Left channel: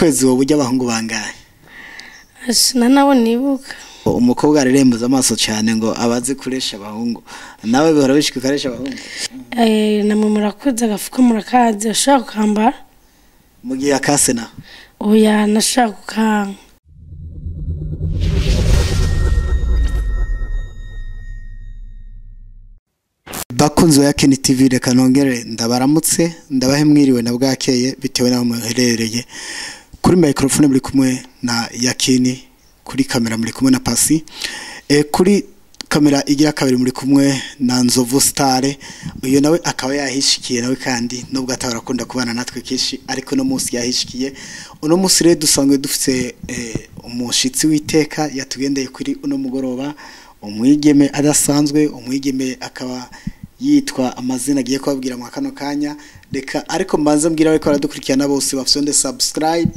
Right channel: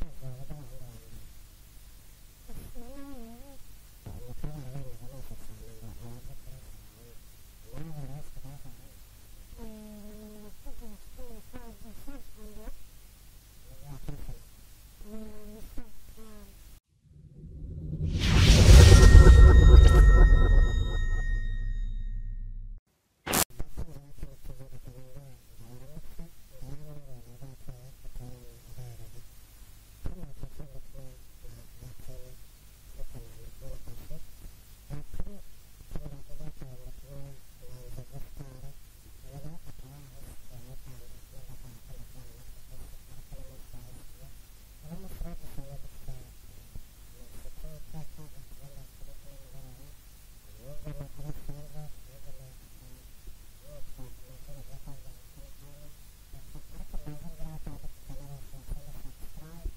kwezi wowe ujya abahungu bangahe? Ashina nabo nibuka. Umukobwa arerembuza amaso cyane ngo abazi kuresha abahungu. Nawe bihora bishika karesha abahungu? Namwe murakoze agafuka murakaze ashaka kambara. Mugiye akase na? Oya nashaka kukanga. Bakunzi wa Yakini TV reka nongere ndabaramutse ndabahe mwiriwe na bwakeye bitewe naho muherereye. Kuri microphone muri kumwe na Yakini, kuri kamera muri kumwe na Pasi, kuri kamera igira kabiri muri kumwe na Nzovu Star. Uyo nawe akaba yahishikiye nawe kandi nubwo atabarakunda kubana natwe kishi ariko no munsi yahishikiye. Uno munsi rero dusangwe dufite umushitsi witeka yatugendeye kuri uno mugoroba, umwigeme adasanzwe, umwigeme akaba yitwa amazina agiye kubabwira mu kano kanya. Reka ariko mbanze mbwira ko aradukurikirana bose bafite subscribe,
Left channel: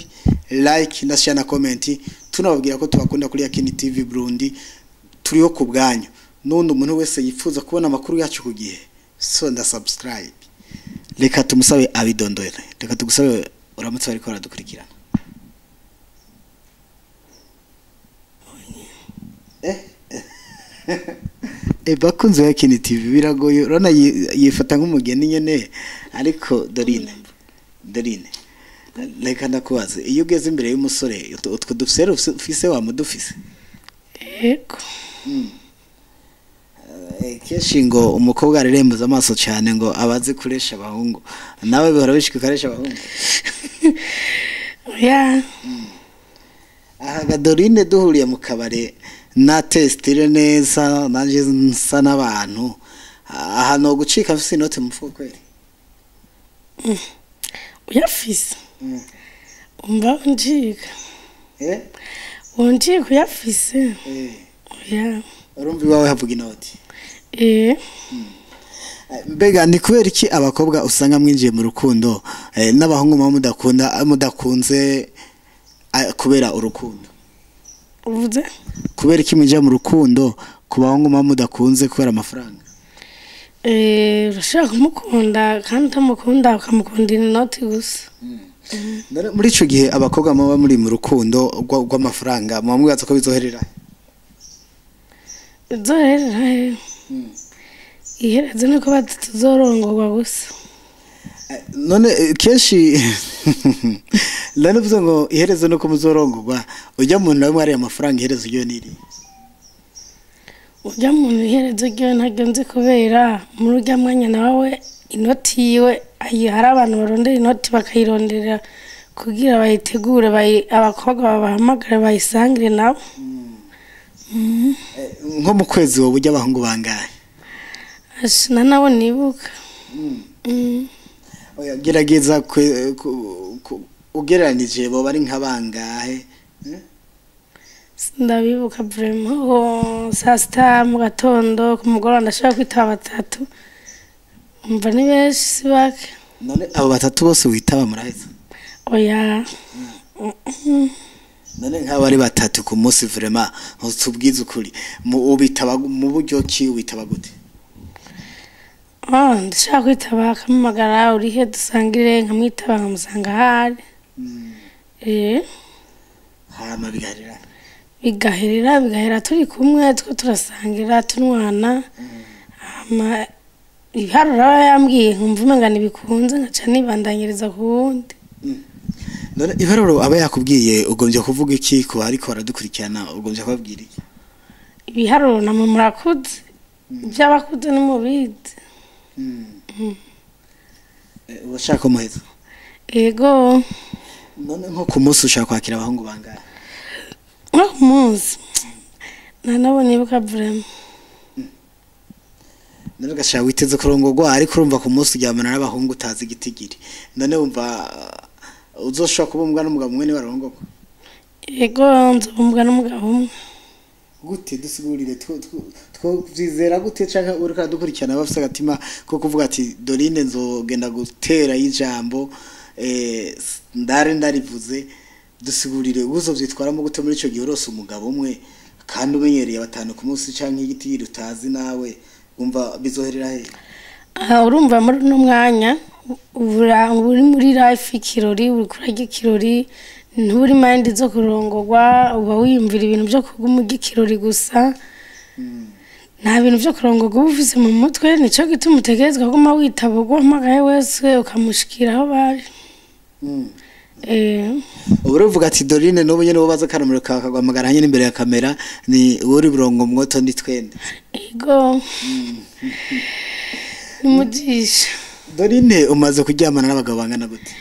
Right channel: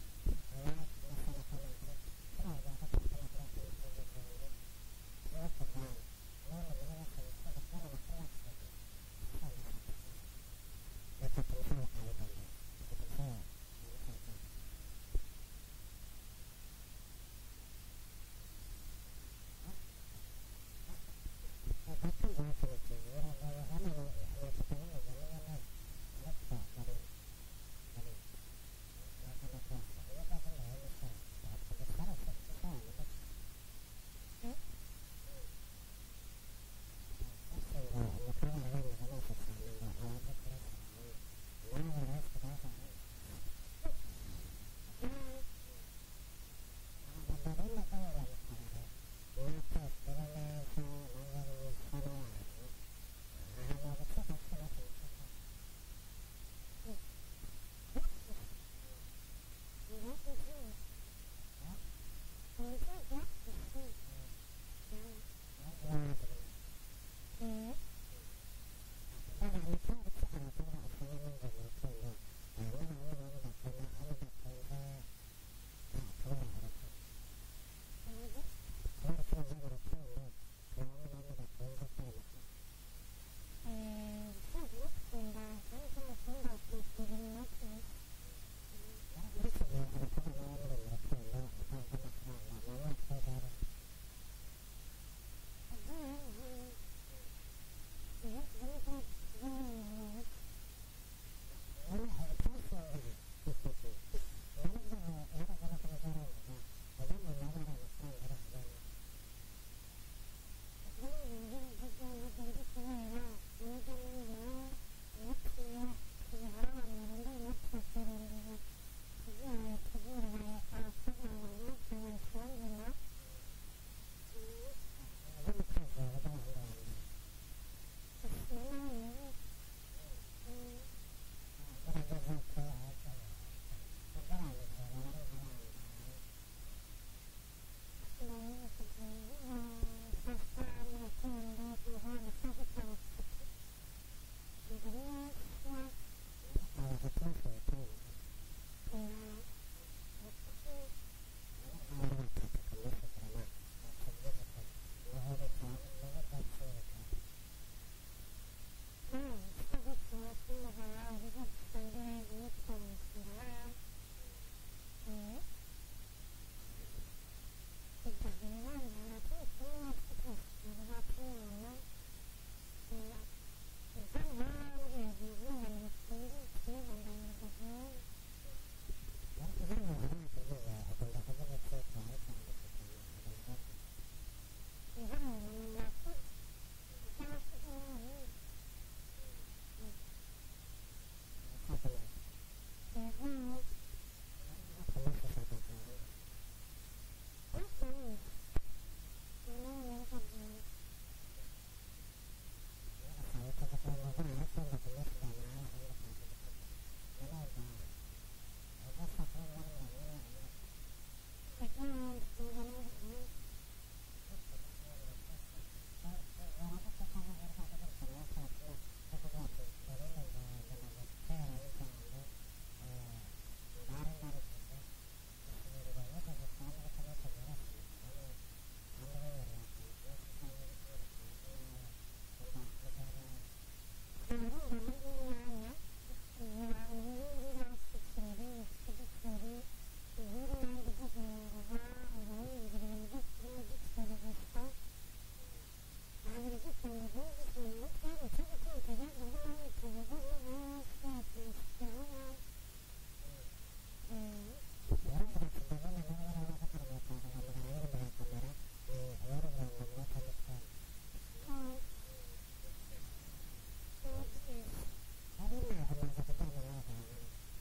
like na share na comment. Tunababwira ko tubakunda kuri Yakini TV Burundi, turiho ku bwanyu. Nundi umuntu wese yifuza kubona amakuru yacu ku gihe, so nda subscribe. Reka tumusabe abidondore. Reka tugusabe uramutse ariko aradukurikirana. Bakunzi wa Yakini TV biragoye urana yifata nk'umugeni nyene ariko Dorine reka ndakubaze, iyo ugeze imbere y'umusore utwo dufise ufise wa mudufise? Yego. Keshi ngo umukobwa arerembuza amaso cyane ngo abazi kuresha abahungu. Nawe bihora bishika karesha abahungu? Ya. Aha Dorine duhuriye mu kabare na testire neza nanje nsa n'abantu. Aha no gucika afise inote mu fuko kweli? Uyafise? Umva unjika. Unjika uyafise? Ya. Urumva iwawe havuga inoti? Mbega ni kubera iki abakobwa usanga mwinjiye mu rukundo n'abahungu mudakunze kubera urukundo? Uvuze? Kubera iki mwinjiye mu rukundo ku bahungu mudakunze kubera amafaranga? Urashaka kumukunda kandi utamukunda ukamukundira inoti gusa. Muri ico gihe abakobwa muba muri mu rukundo rw'amafaranga mwamubaza ko bizoherera? Bizoherera. Ihereze nuko batuzorongorwa gusa. None keshi lanavuze ngo ihereze nuko muzorongorwa, ujya mu nawe mwari amafaranga ihereze ryo niri? Ujya mu ihereze ryo ntagenze kubera muri ujya mwanya nawe inoti yiwe hari abantu barondera inoti bakayirondera kugira bayitegure abakobwa babahamagara bayisangire nabo. Nko mu kwezi wowe ujya abahungu bangahe? Ashina nabo nibuka. Oya gerageza ugereranije bo bari nka bangahe? Ndabibuka vraiment saa sita mu gatondo ku mugoroba ndashaka kwitaba batatu. Umva ni benshi sibake. None abo batatu bose witaba muraheza? Oya. None nk'abo ari batatu ku munsi vraiment utubwiza ukuri ubitaba mu buryo ki ubitaba gute? Ndashaka kwitaba akamamagara urihe dusangire nkamwitaba nkamusanga hari. Hama bigahera turi kumwe two turasangira tunwana. Ibiharuro yambwiye nkumva umenga nibikunze nkaca nibandanyiriza ku wundi. None ibiharuro aba yakubwiye ugombye kuvuga iki ko ariko baradukurikirana ugombye kubabwira iki? Ibiharuro namwe murakuze by'abakuze n'umubizi. Washaka umuhezo? Yego. None nko ku munsi ushaka kwakira abahungu bangahe? Nko ku munsi nabo nibuka vraiment. None gashaka witeze kurongorwa ariko urumva ku munsi ujyamana n'abahungu utazi igitigiri. None umva uzoshaka kubumbwa n'umugabo umwe ni warongorwa? Yego nzobumbwa n'umugabo umwe. Gute dusigurire twizera gute canka urika dukurikirana bafite agatima ko kuvuga ati Dorine nzogenda gutera y'ijambo ndarivuze, dusigurire uzovyitwaramo gute muri ico gihe urose umugabo umwe kandi umenyereye batanu ku munsi canke igiti utazi nawe umva bizoherera he? Urumva muri no mwanya uri muri life ikirori uri kurajya ikirori nturi mind zo kurongorwa uba wiyumvira ibintu byo kugumugikirori gusa nta bintu byo kurongorwa ufise mu mutwe nico gituma utegerezwa kuguma witabugwa mpagaye wese ukamushikira aho bari uvuga ati Dorine n'ubu nyene wobaza karamiro kakagwamagara nyene imbere ya kamera ni uri burongo mwoto ndi twende ego nimujisha Dorine umaze kuryamana n'abagabo bangana gute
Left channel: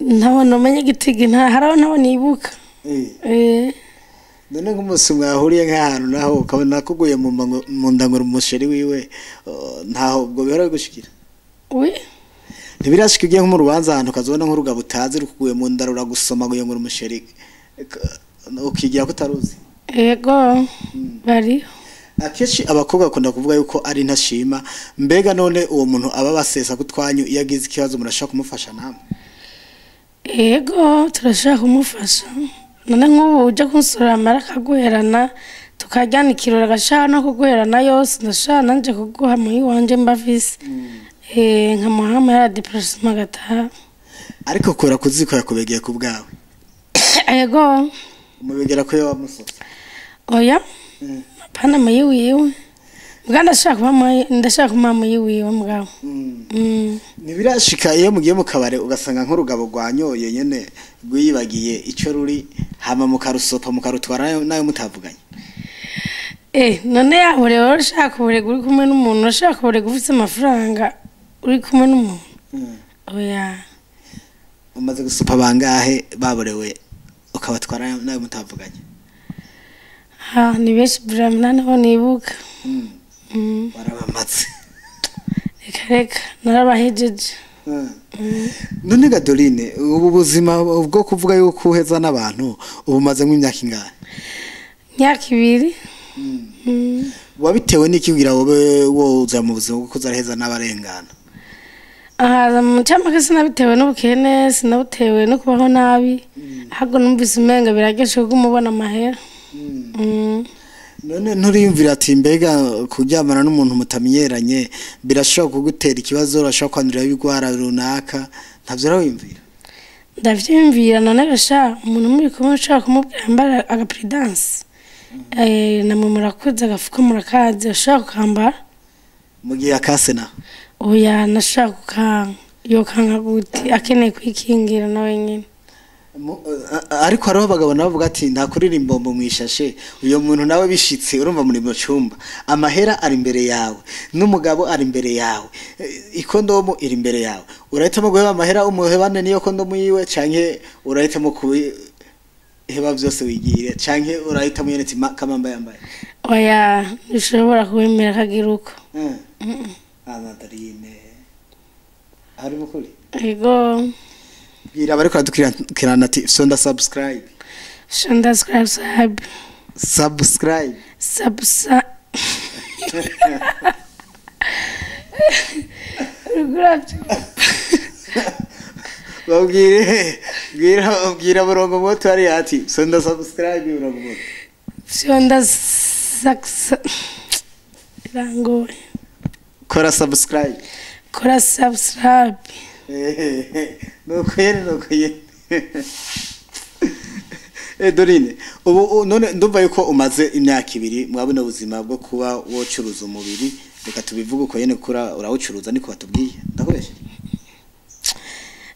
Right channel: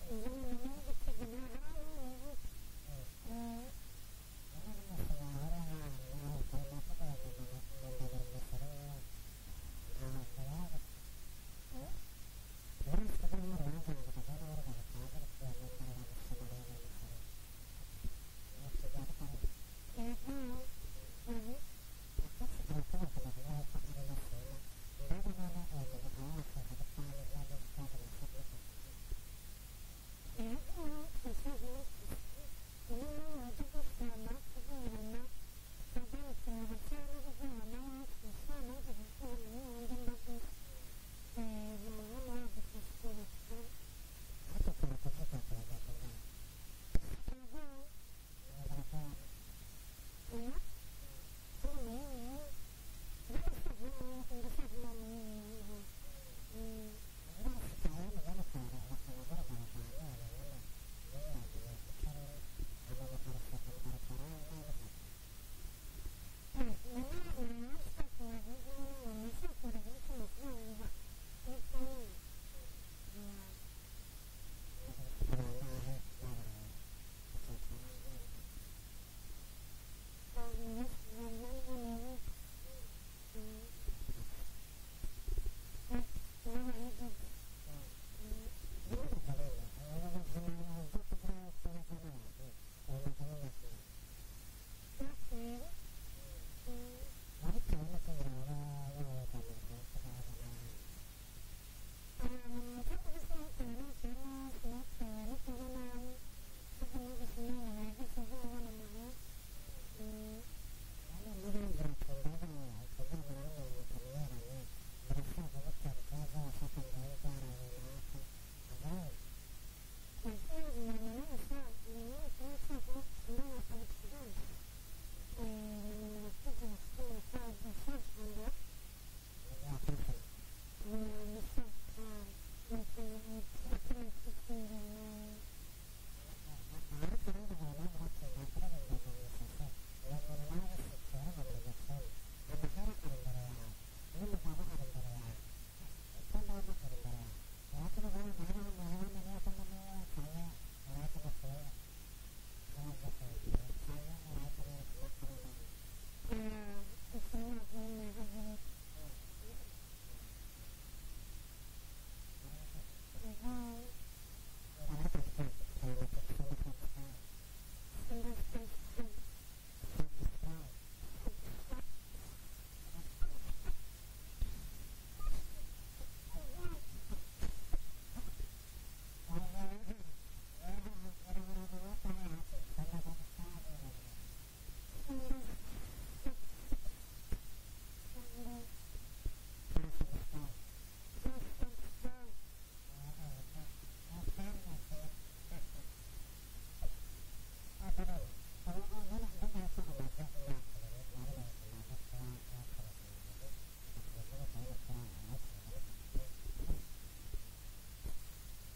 ntabona umenye igitigi haraho nabo nibuka none nk'umunsi mwahuriye nk'ahantu naho ukabona kuguye mu ndanguro umusheri wiwe ntaho ubwo bihora gushikira ntibirashika ugiye nko mu rubanza ahantu ukazobona nk'urugabo utazi rukuguye mu ndarura gusoma ngo yongura umusheri ukigira ko utaruzi yego bari akeshi abakobwa bakunda kuvuga yuko ari ntashima mbega none uwo muntu aba basesa kutwanyu iyo agize ikibazo murashaka kumufasha namwe yego turashaka kumufasha none nk'ubu ujya kunsura amara akaguherana tukajyana ikirori agashaka no kuguherana yose ndashaka nanje kuguha muyi wanje mbavise nkamuha amahera depression agataha ariko kora kuziko yakubegeye ku bwawe yego umubegera ko yamusose oya pana muyi wiwe ndashaka mama yiwiwe mugabo nibirashika iyo mugiye mu kabare ugasanga nk'urugabo rwanyoye nyene rwiyibagiye ico ruri hama mukarusopa mukarutwara nayo mutavuganye none yaho rero ushaka uburega uri kumwe n'umuntu ushaka uburega ufite amafaranga uri kumwe n'umuntu oya umaze gusopa bangahe baborewe ukabatwara nayo mutavuganye ni benshi bramana nabo nibuka barabamaze reka narabahejeje none ga Dorine ubu buzima bwo kuvuga yuko uheza n'abantu ubumaze nk'imyaka ingahe myaka 2 wabitewe n'iki kugira wowe woza mu buzima bwo kuzaraheza n'abarengana mu cyamaka sinabitewe n'ubukene sinabutewe no kubaho nabi ahubwo numvise umenga birageshe kumubona amahera none nturiyumvira ati mbega kuryamana n'umuntu mutamenyeranye birashobora kugutera ikibazo urashobora kwandurira ibigwara runaka ntavyo rawimvira ndavyimvira none gasha umuntu muri kumwe ushaka kumubwira mbara agaprudence namwe murakoze agafuka murakaze ushaka kambara mu gihe akase na oya nashaka yokanga guti akeneye kwikingira nawe nyine ariko hariho abagabo nabo bavuga ati nta kuririmba mbombo mwishashe uyo muntu nawe bishitse urumva muri mu cyumba amahera ari imbere yawe n'umugabo ari imbere yawe ikondomo iri imbere yawe urahitamo guheba amahera umuhebane niyo kondomo yiwe canke urahitamo kubiheba byose wigire canke urahitamo yene ati kamamba yambaye oya ushobora kubemera kagiruko Dorine ari mukuri ego gira bariko adukirana ati sonda subscribe gira burongo moto ari ati sonda subscribe burongo moto sonda rango kora subscribe nuko yene Dorine ubu none ndumva yuko umaze imyaka 2 mwabona ubuzima bwo kuba wocuruza umubiri reka tubivuga uko yene kura urawucuruza niko batubwiye ndakubeshe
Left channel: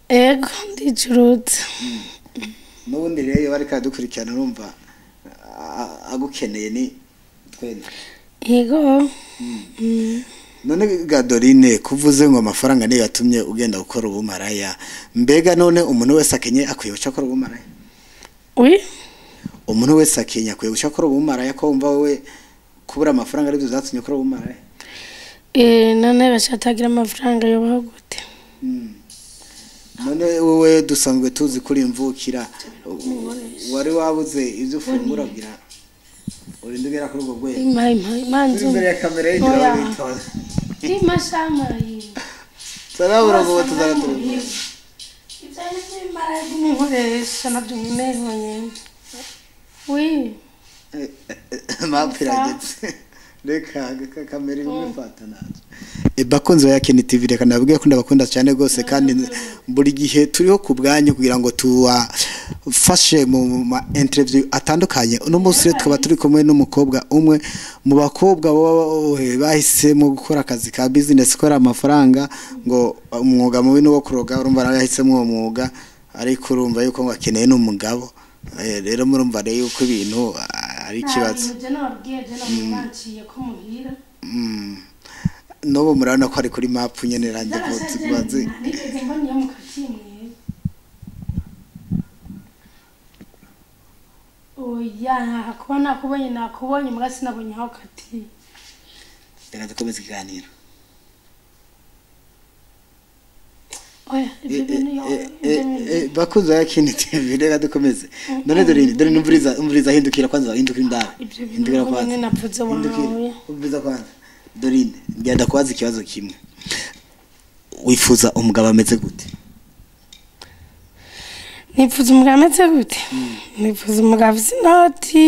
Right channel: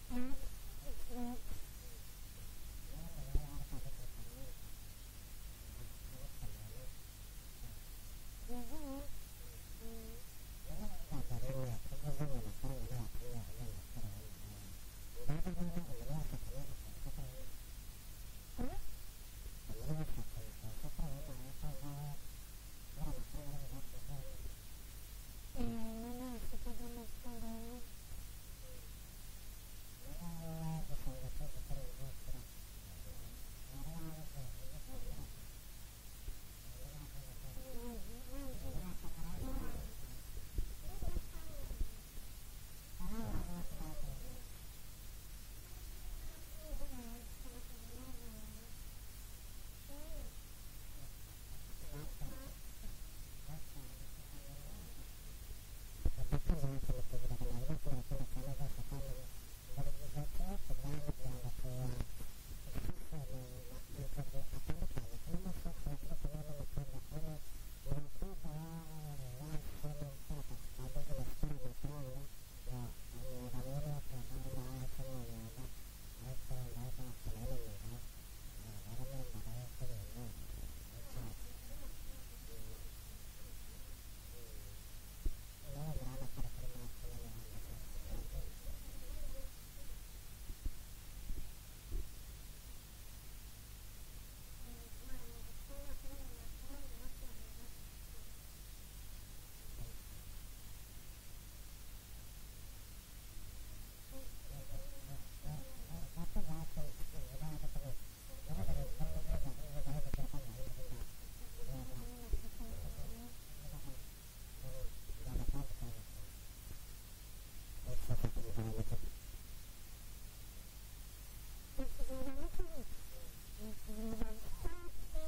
ego ndicuruza nubundi rero bari kadukurikirana urumva agukeneye ni twende ego none ga Dorine kuvuze ngo amafaranga niyo yatumye ugenda gukora ubumaraya mbega none umuntu wese akenye akwiye gucakora ubumaraya umuntu wese akenye akwiye gucakora ubumaraya ko umva wewe kubura amafaranga ari byo zatumye gukora ubumaraya none bashatagira amafaranga yobaho gute none wowe dusanzwe tuzi kuri imvukira wari wabuze ivyo ufungura bira urindugera kuri ubwo gwe manzu imbere ya kamera y'injira witoza imashamayi sarabura ngo tuzaratura ibyane by'imara y'umukoresha nabyo nyine oui mapira ndetse reka kamera imufata naje bakunze Yakini TV reka nabwiye ko ndabakunda cyane gose kandi buri gihe turiho kubwanyu kugira ngo tuwafashe mu interview atandukanye uno munsi twaba turi kumwe n'umukobwa umwe mu bakobwa bahisemwo gukora akazi ka business kora amafaranga ngo umwuga mubi no kuroga urumva yahisemwo uwo mwuga ariko urumva yuko ngo akeneye n'umugabo rero murumva rero yuko ibintu ari kibazo nobo murabona ko ari kuri map nyene ranje vuze oya kubona nakubonye mugasi nabonye aho kati reka dukomeze ikiganiro oya bakuza Yakini TV reka dukomeze none dore numviriza hindukira kwanza hindukira indara hindukira kwanza napfuze wawe umviriza kwanza Dorine ngenda kwaza ikibazo kimwe wifuza umugabo ameze gute nifuza umugabo ameze gute nifuza umugabo afite inoti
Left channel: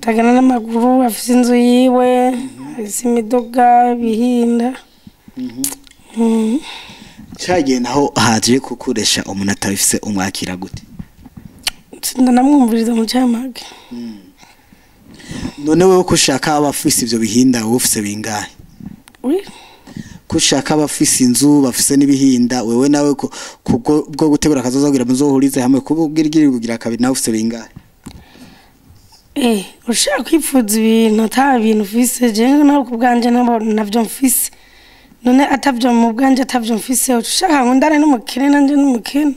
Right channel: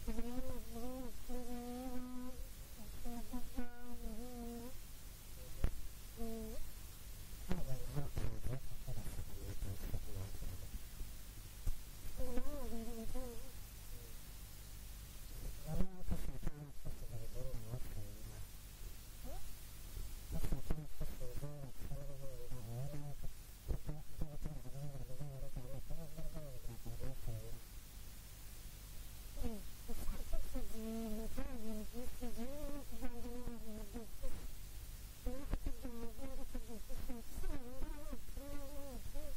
tagana n'amaguru afite inzu yiwe afite imidoga bihinda cyagiye naho haje kukuresha umuntu atabifise umwakira gute ndanamwumviriza mu cyamage none wewe ko ushaka abafise ivyo bihinda wowe ufise bingahe ko ushaka abafise inzu bafise n'ibihinda wewe nawe bwo gutegura akazoza kugira muzohurize hamwe kubugirigiri kugira kabiri nawe ufise bingahe ushaka kwifuza ibintu ata bintu ufise je nawe kubwanje navyo mfise none atavyo mu bwanje atavyo mfise ushaka ngo ndare n'umukene nanje n'umukene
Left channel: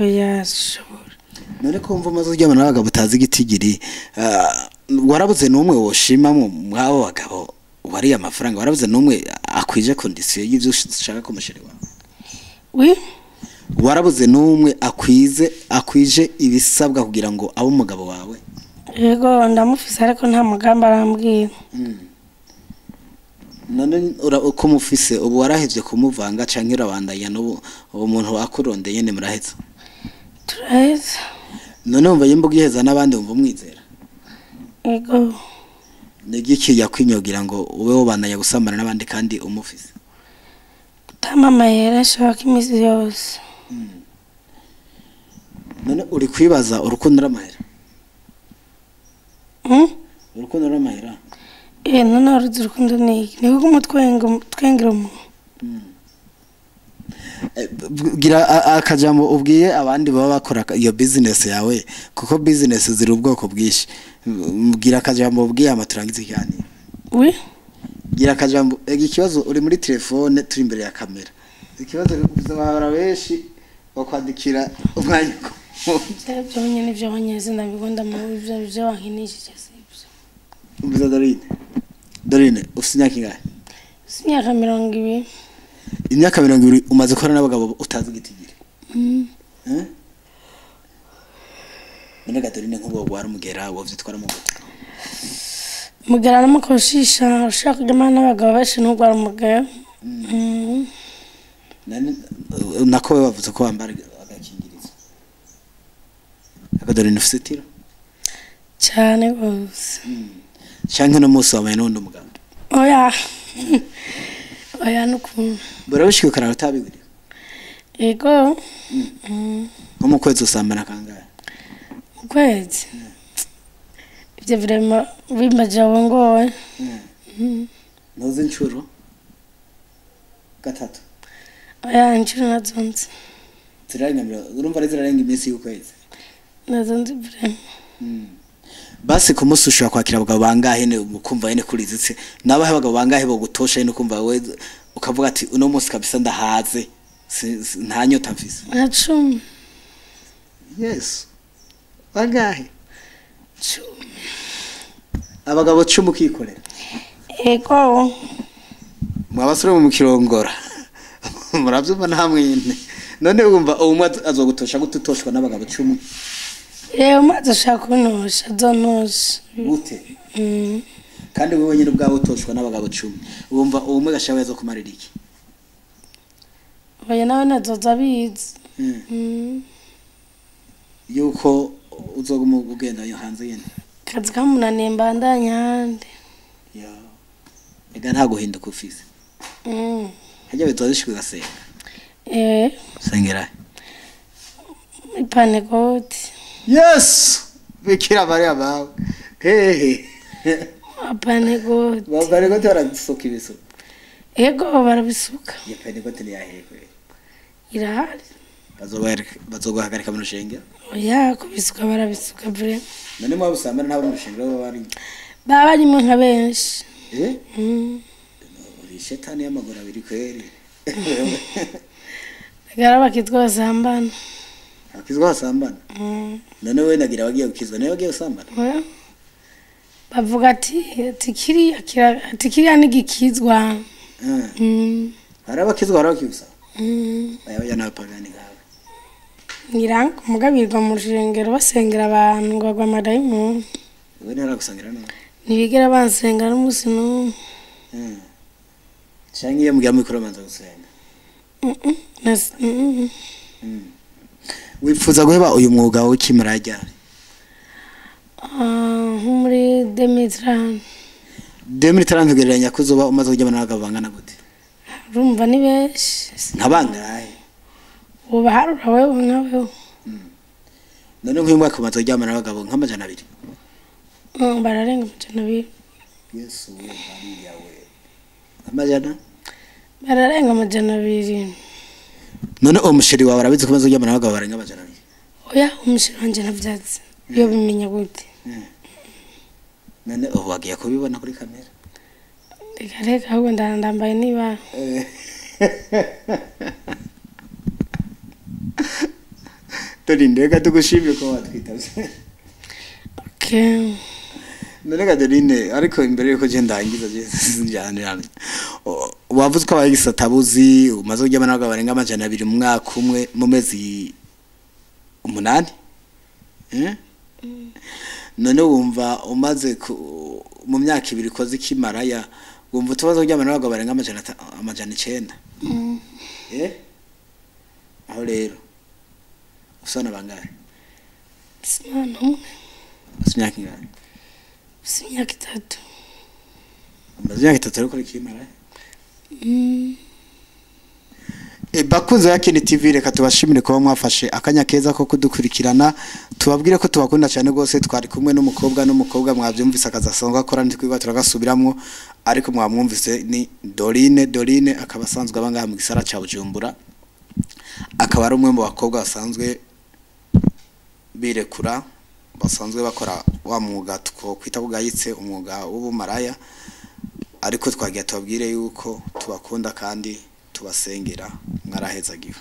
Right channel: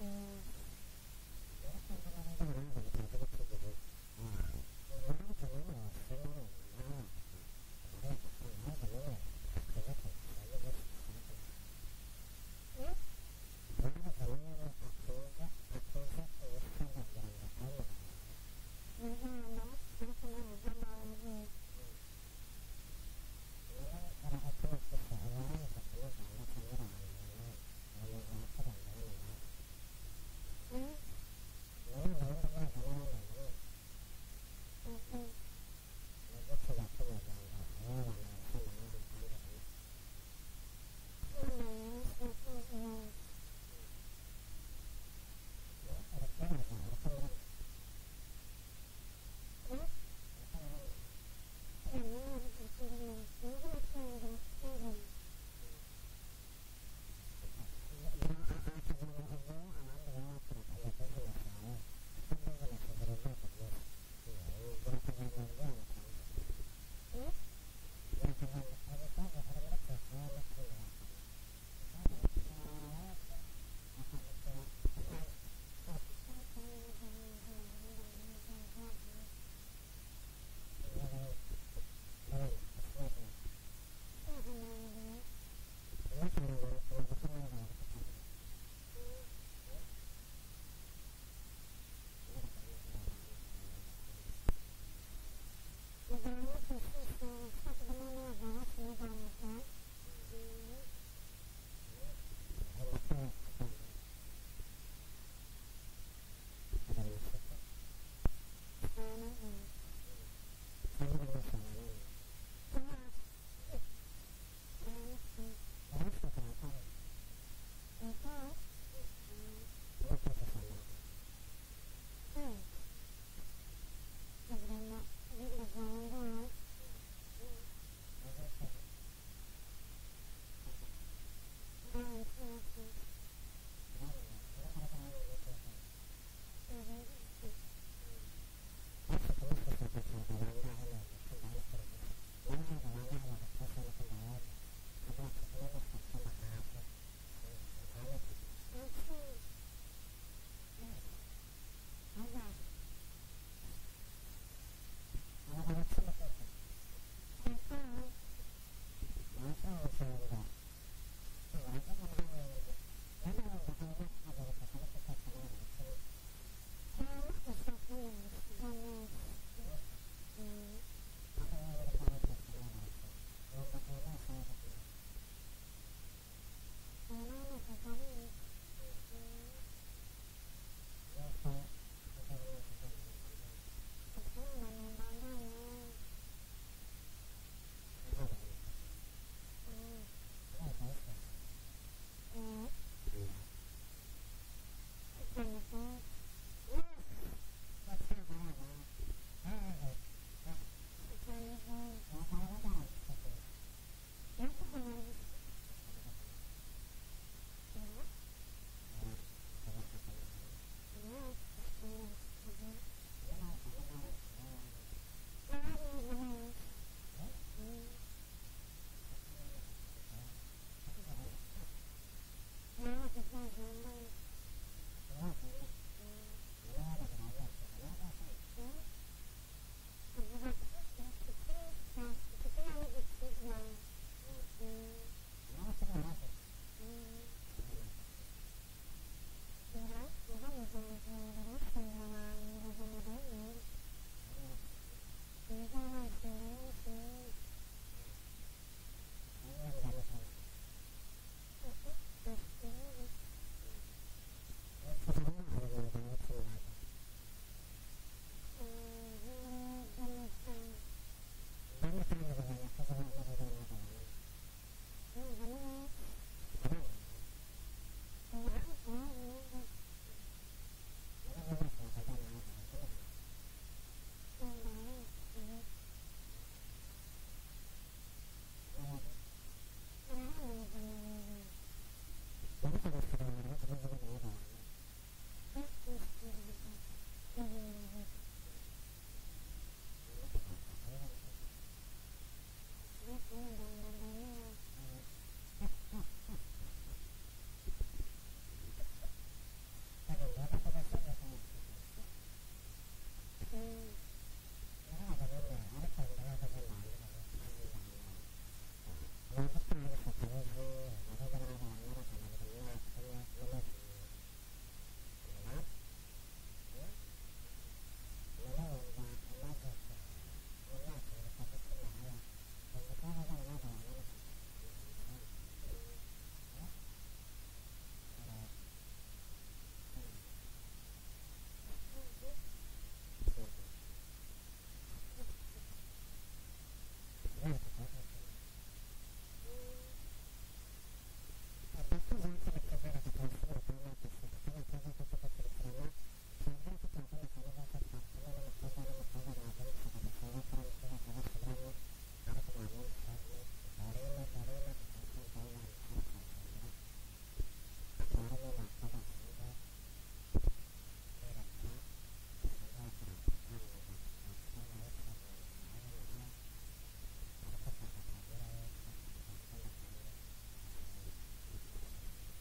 oya shobora none ko mva mazo ry'abana n'abagabo utazi igitigiri warabuze numwe woshima mu mwabo bagabo wari amafaranga warabuze numwe akwije condition y'ivyo ushaka ko musheri wawe warabuze numwe akwije ibisabwa kugira ngo abo umugabo wawe yego ndamufise ariko nta mugamba arambwira none uko mufise ubu warahevye kumuvanga canke urabandanya n'ubu umuntu wakurondeye nyene muraheza turaheza none umva yimbuga iheza n'abandi umva umwizera yego nigiki yakwinyogira ngo ube wobandanya gusambana n'abandi kandi umufise tamamahera shaka imisi yose none uri kwibaza urukundo n'amahera urukundo n'amahera none uruzi urukundo ni kuko umutwengera umuntu gira akajambo ubwiye abandi baba bakora iyo business yawe kuko business ziri ubwoko bwishi gira akajambo ubwiye amaturangiza cyane gira akajambo ikibazo uri muri telefone turi imbere ya kamera ikibazo bizabara benshi bakwandikira umwanya byo nyine byo banyeze ndabigunda mu byo wankinishije sibyo umbiza Dorine ufite imyaka ingahe imyaka 20 imyaka 20 umaze gukora n'abagabo utazi igitigiri none Dorine nk'ubu wari umugera wovyitwara mu gute mugera n'amakoshisha ushaka kujyana n'abagabo benshi n'ugwara umugera nako bavuze ko wambara agakingirizo Dorine ufite tiro cyane gose canke no musi wamaye n'undi mugabo oya nukuntu barabishika karara tabigire ego nko mu kwezi usambana kangahe mu kwezi ibyo vrema bimajawe ngowe noze inshuro gatatu oya inshuro nazonze zirarenga urumva zirarenga iminsi y'ukwezi nazonze vrema basi ku musi ushobora kwakira abagabo bangahe ne ukumva yene kurizitse nabahe abagabo bangahe bo gutosha yene ukumva we ukavuga ati uno musi kabisa ndahaze nta nyota mfise 10 yes bangahe 10 abagabo 10 kikorera ego mwabasore mu kirongora muravyumva ntamwene none wumva umwe azogutosha gututoshwa n'abagabo 10 umaze ushaka kunosha zonosha gute kandi wewe nyine ubwawe utoshwa n'abagabo 10 wumva umwe gashabaye zo kumarira iki oya nawe nazoza bizi yuko uzoguma ugenda yo hanze yene kazi kamunaniye mbandanya handi ya ega nta guhinduka ufise hajya bitozishwe gasenga sengera ipanegoti yes bikira Maria bawe hehe apanegoti bapanegoti barasuka ibisu ego barabisuka ipanegoti ni yahekwe irahari bazoguhagarika mu rushenge oya kubisuka barabisuka vre none mwa busambana nabo mu rushenge bari baba barimo nka benshi uri shetani y'amaguru abiri kweri gara bakitwa basambana akizwa basambana none we nagira wagiye gukizwa nayo wagiye gusambana bavuga ati tikiriya nigikizwa hari abakizwa hari abakizwa baya n'abapagani gawe ngirango umugabirwa mu rushengero basengera abantu ngo bagwa amadayimoni we ntaragusangira no ntibigera bansengera n'umunsi n'umwe cyangwa iyo mugiye muri kuramanza gusenga wifuza guheba uyu mwuga w'ikimara ryari nko muri 2030 tugereranya kuzoba umaze kujya n'abagabangana gute urumva ni benshi nkabangaye uba harura wewe nkaweho none nk'uyu mwaka umaze kujya n'abagabo nk'amajana 2 bararenga amajana 2 yesu we bariya we amajana bararenga amajana 2 none umusheri wawe arabizi kumaze kujya n'abagabo barenga amajana 2 oya umusheri wanje navyatse iyo bimenya gute none wagiye kubibona kuri kamera reka ahubwo ndambaye niba Dorine tugushimye ko watwitavye okay none Dorine ariko imbere yuko je ndangiza je njane wavuze ko abagisatabuzi umaze kujya n'abagabo barenga amajana 2 mu mwaka umwe mu mezi 8 none wumva umaze mu myaka 2 koze kimaraya wumva utubazo kujyana n'abagabo barenga amajana 9 aho rero usana bangahe imyaka 3 imyaka 3 ariko kimaraya bakunze Yakini TV reka tubashimire ko mwafashe akanya keza ko kudukurikirana tubabwire ko tubakunda cyane gose twari kumwe n'umukobwa mwavyumvise akazasanga akora ndikwiga turagasubiramwo ariko mwamwumvise ni Dorine akaba asanzwe abangaha mu gisara ca Bujumbura akaba ari umwe mu bakobwa basanzwe birekura basanzwe bakora wa mwuga kwita bugayitse umwuga w'ubumaraya ariko twagiye tubabwire yuko tubakunda kandi tubasengera mwarahezagiwe